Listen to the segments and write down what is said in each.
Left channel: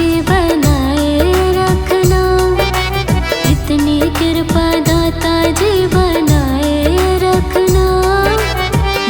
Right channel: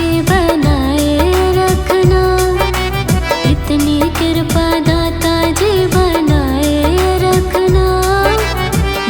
जी बनाए रखना। इतनी कृपा दाता जी बनाए रखना।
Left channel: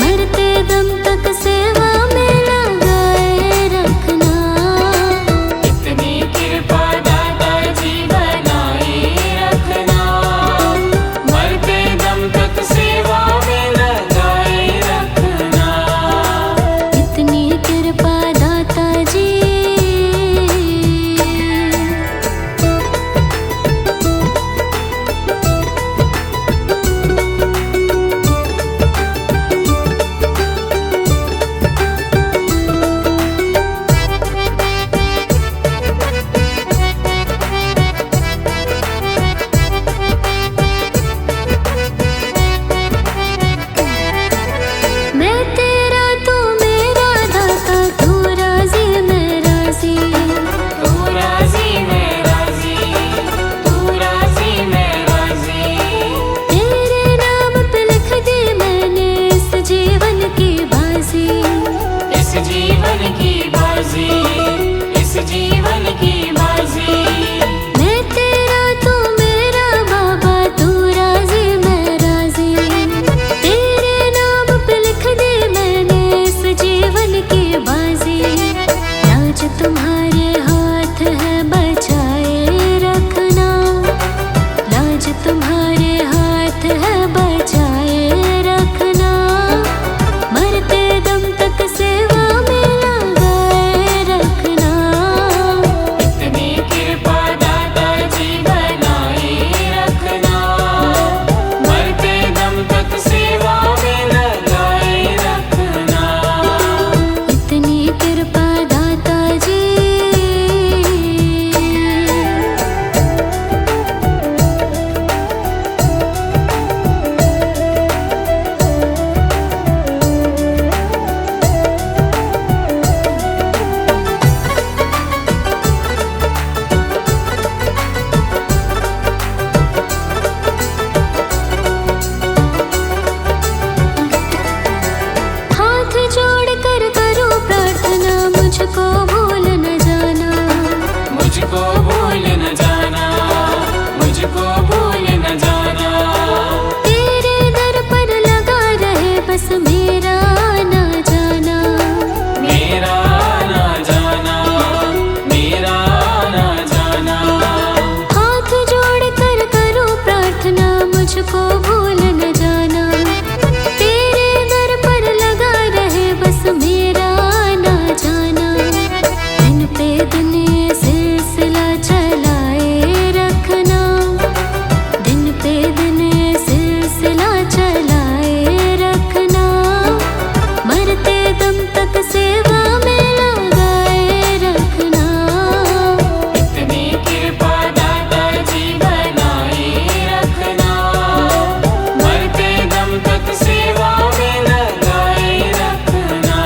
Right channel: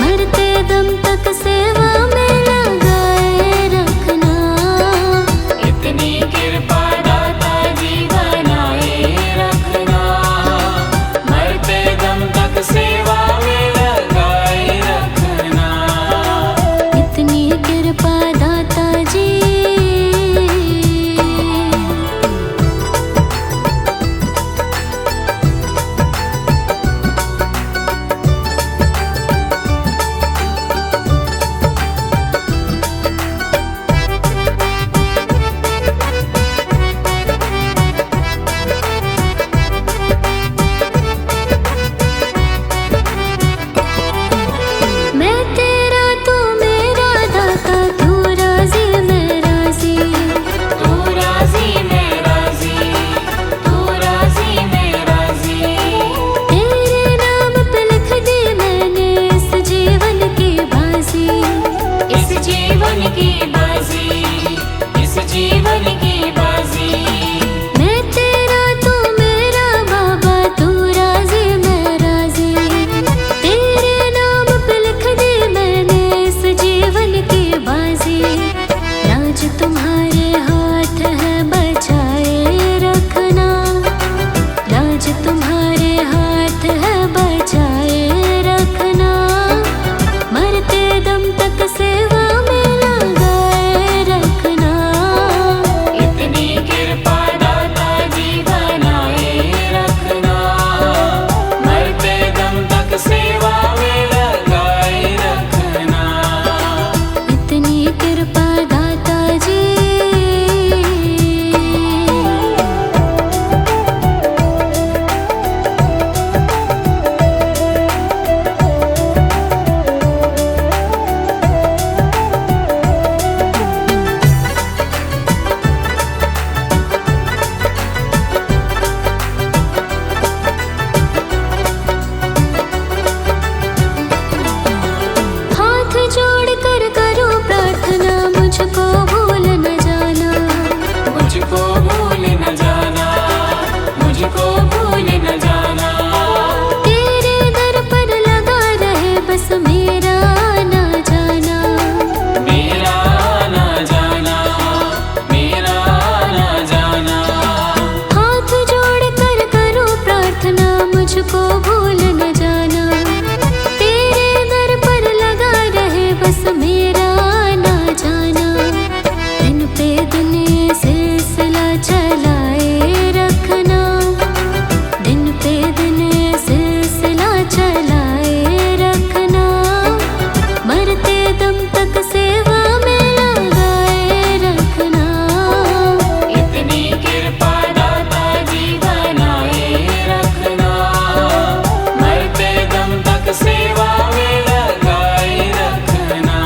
मरते दम तक सेवा में लगाए रखना। इतनी कृपा दाता जी बनाए रखना। मरते दम तक सेवा में लगाए रखना। इतनी कृपा दाता जी। मैं तेरा तू मेरा दाता, तू राजी मैं राजी। तू राजी मैं राजी। तू राजी मैं राजी। तेरे नाम पे लिख दी मैंने इस जीवन की बाजी। इस जीवन की बाजी। इस जीवन की बाजी। मैं तेरा तू मेरा बाबा, तू राजी मैं राजी। तेरे नाम पे लिख दी मैंने इस जीवन की बाजी। लाज तुम्हारे हाथ है बचाए रखना। लाज तुम्हारे हाथ है बचाए रखना। मरते दम तक सेवा में लगाए रखना। इतनी कृपा दाता जी बनाए रखना। मरते दम तक सेवा में लगाए रखना। इतनी कृपा दाता जी। हाथ जोड़ कर करो प्रार्थना, मुझको भूल न जाना। मुझको भूल न जाना। मुझको भूल न जाना। तेरे दर पर लगा रहे बस मेरा ना जाना। मेरा ना जाना। मेरा ना जाना। हाथ जोड़ कर करो प्रार्थना, मुझको भूल न जाना। तेरे दर पर लगा रहे बस मेरा ना जाना। दिन पे दिन ये सिलसिला चलाए रखना। दिन पे दिन ये सिलसिला चलाए रखना। मरते दम तक सेवा में लगाए रखना। इतनी कृपा दाता जी बनाए रखना। मरते दम तक सेवा में लगाए रखना।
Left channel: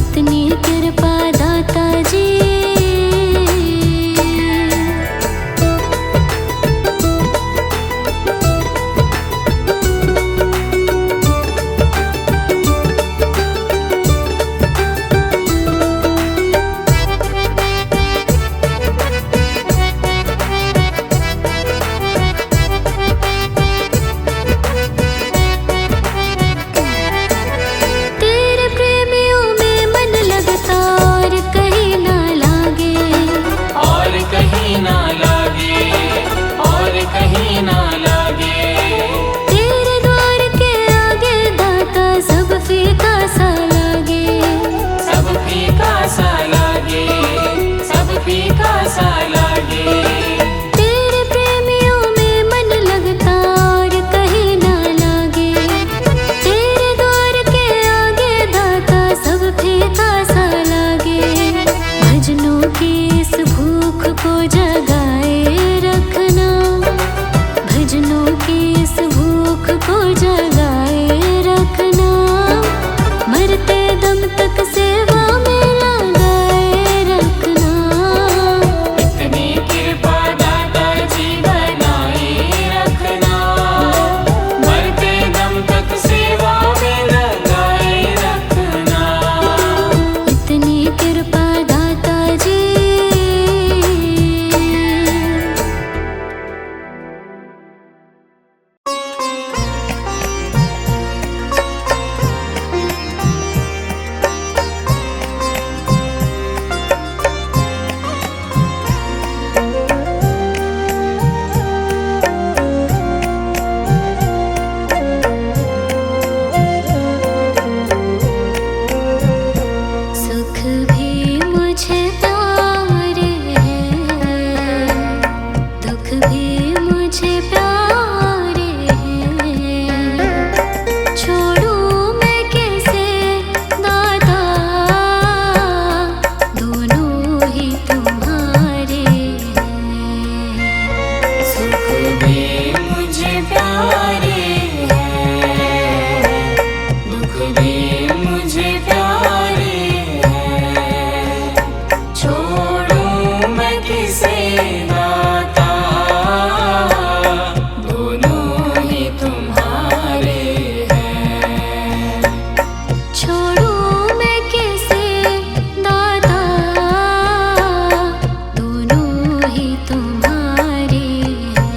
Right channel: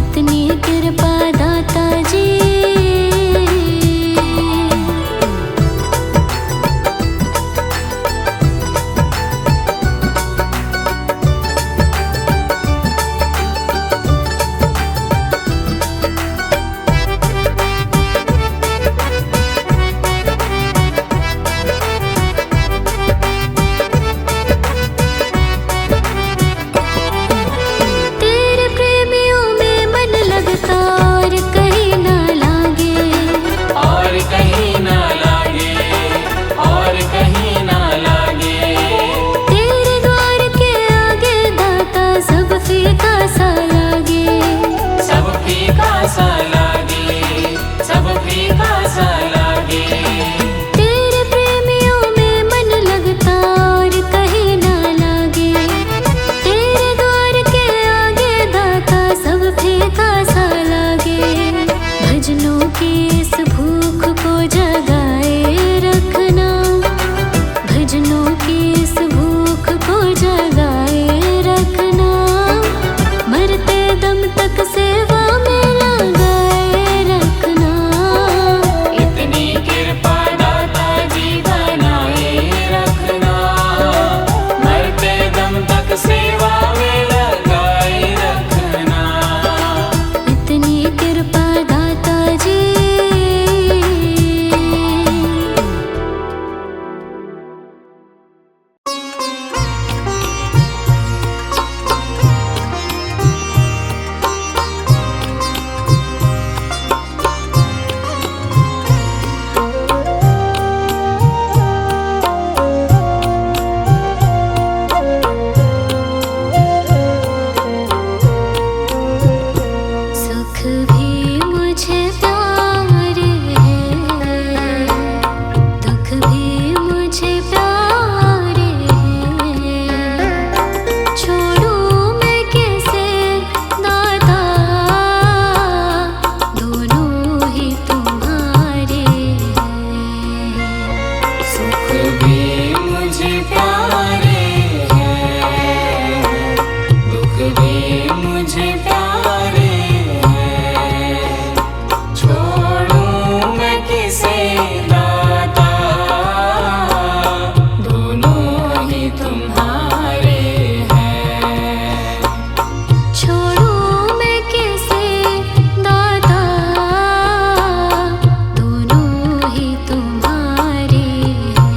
इतनी कृपा दाता जी। तेरे प्रेमियों में मन लगता और कहीं ना लागे। और कहीं ना लागे। और कहीं ना लागे। तेरे द्वार के आगे दाता सब फीका सा लागे। सब फीका सा लागे। सब फीका सा लागे। तेरे प्रेमियों में मन लगता और कहीं ना लागे। तेरे द्वार के आगे दाता सब फीका सा लागे। भजनों की इस भूख को जगाए रखना। भजनों की इस भूख को जगाए रखना। मरते दम तक सेवा में लगाए रखना। इतनी कृपा दाता जी बनाए रखना। मरते दम तक सेवा में लगाए रखना। इतनी कृपा दाता जी। मुझे प्यारे हैं। छोड़ूं मैं कैसे दाता, दोनों ही तुम्हारे हैं। सुख भी मुझे प्यारे हैं, दुख भी मुझे प्यारे हैं। छोड़ूं मैं किसे नाता, दोनों ही तुम्हारे हैं। छोड़ूं मैं कैसे दाता, दोनों ही तुम्हारे हैं।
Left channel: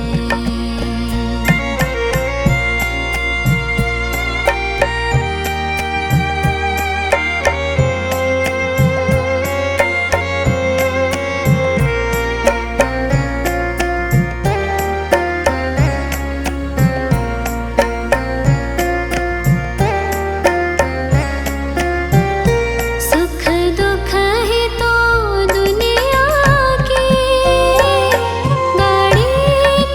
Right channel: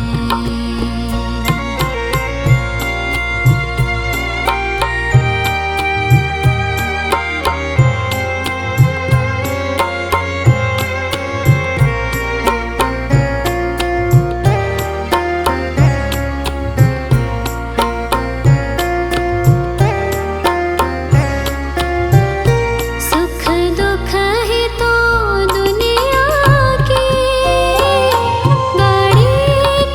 सुख दुख ही तो दुनिया की गाड़ी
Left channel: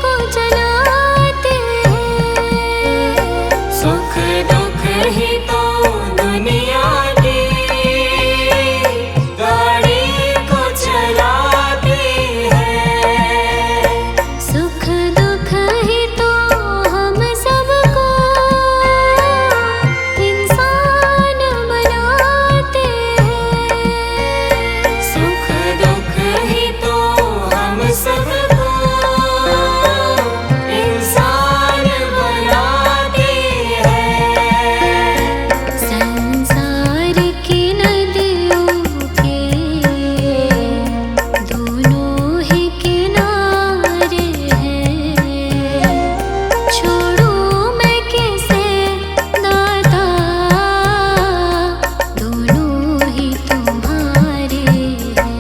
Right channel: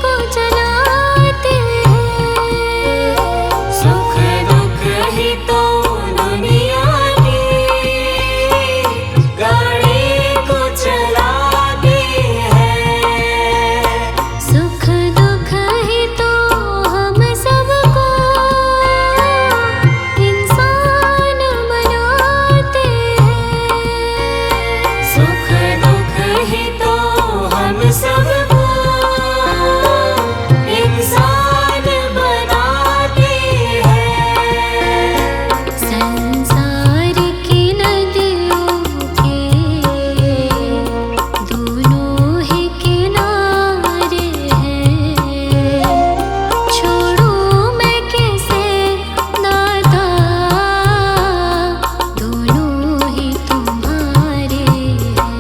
को चलाते हैं। सुख दुख ही तो दुनिया की गाड़ी को चलाते हैं। सुख दुख ही तो हम सबको इंसान बनाते हैं। सुख दुख ही तो हम सबको इंसान बनाते हैं। संसार की नदियों के दोनों ही किनारे हैं। छोड़ूं मैं कैसे दाता, दोनों ही तुम्हारे हैं।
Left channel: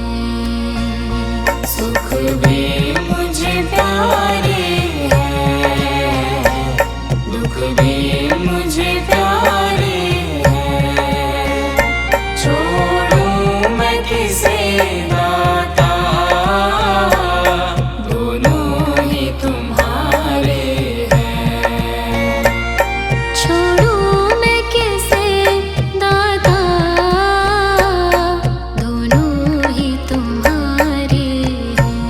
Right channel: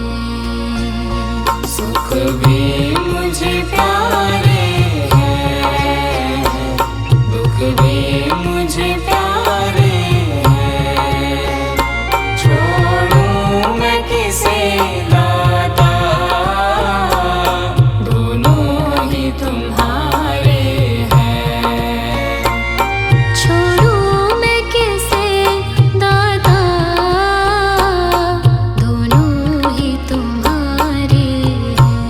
सुख भी मुझे प्यारे हैं, दुख भी मुझे प्यारे हैं। छोड़ूं मैं किसे नाता, दोनों ही तुम्हारे हैं। छोड़ूं मैं कैसे दाता, दोनों ही तुम्हारे हैं।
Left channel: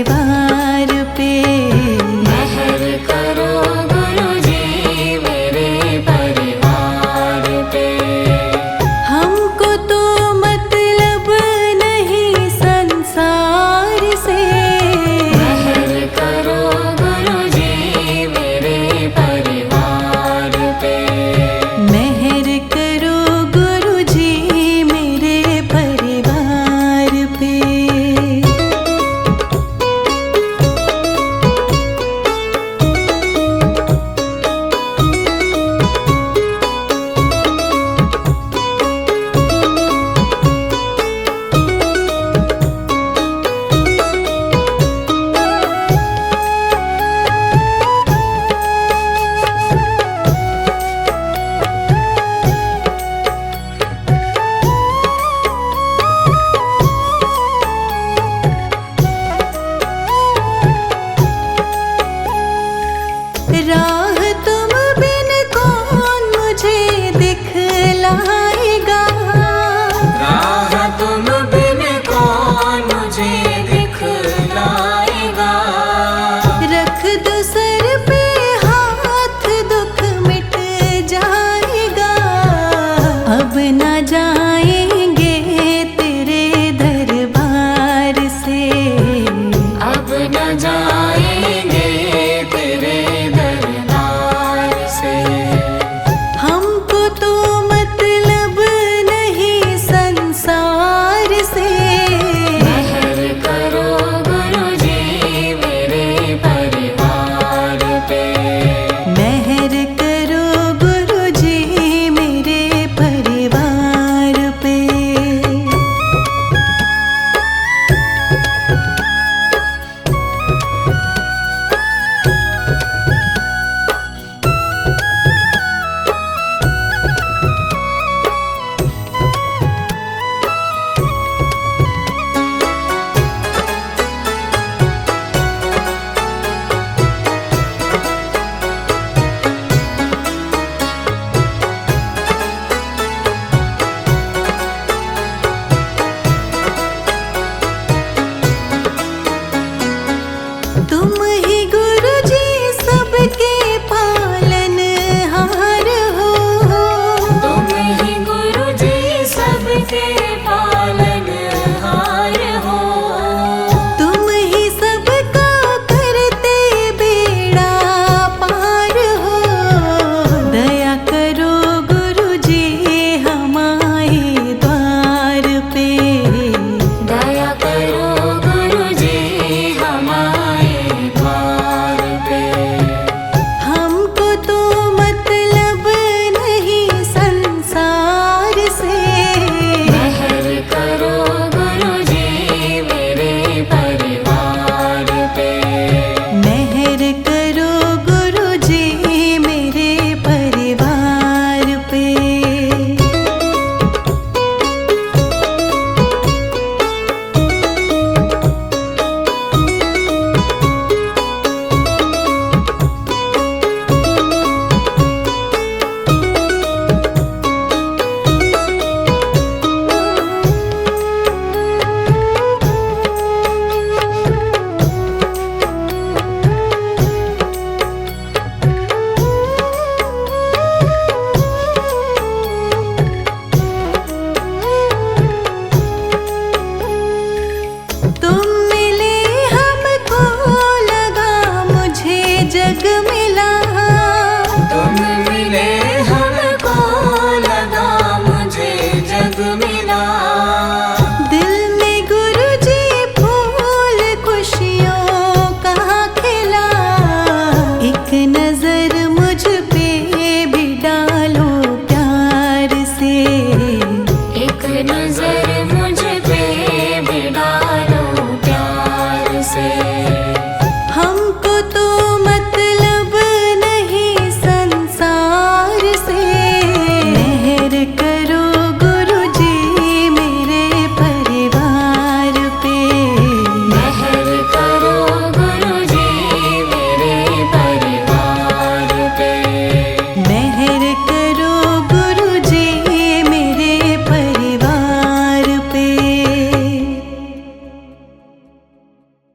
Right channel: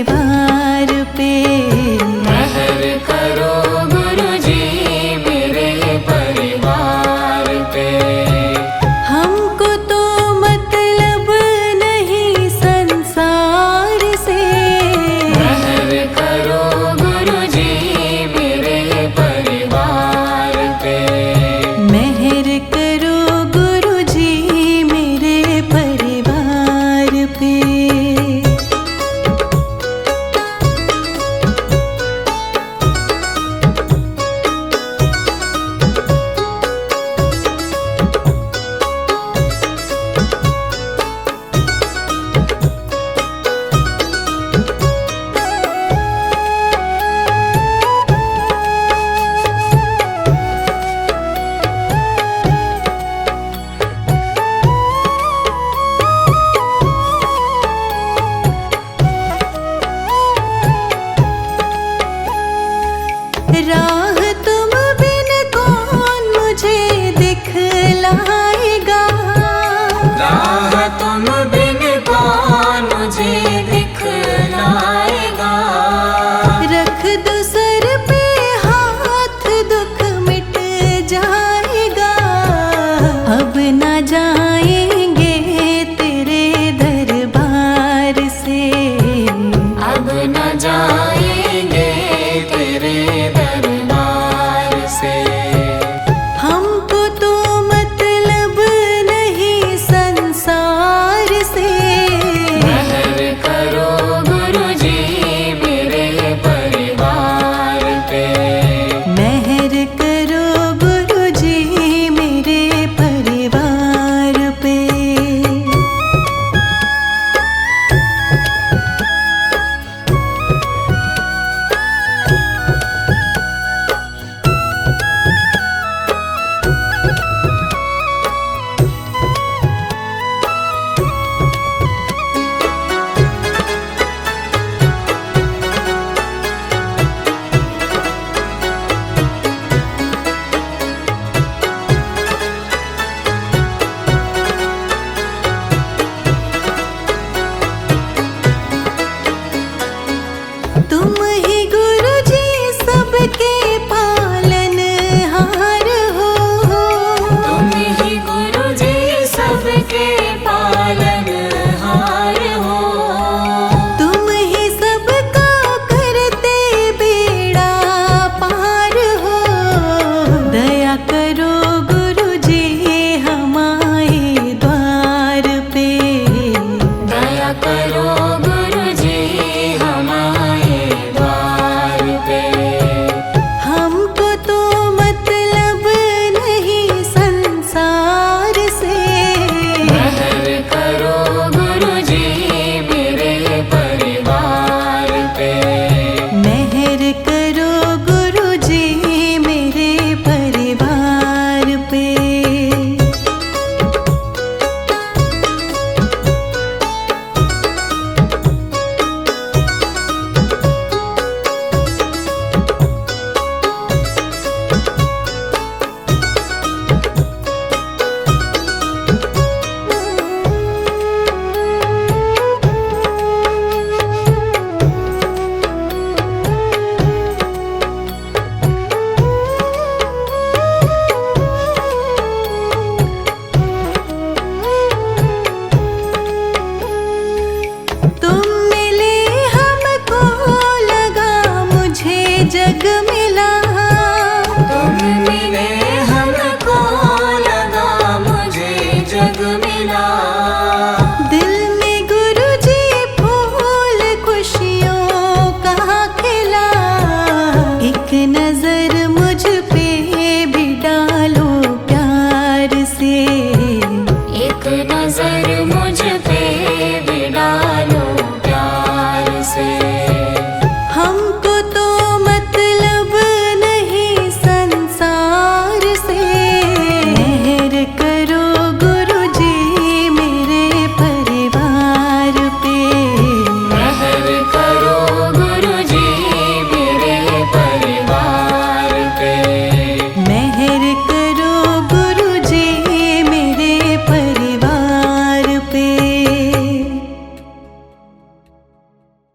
परिवार पे। मेहर करो गुरुजी मेरे परिवार पे। हमको तो मतलब नहीं संसार से। मेहर करो गुरुजी मेरे परिवार पे। मेहर करो गुरुजी मेरे परिवार पे। राह तुम बिन कौन मुझे दिखला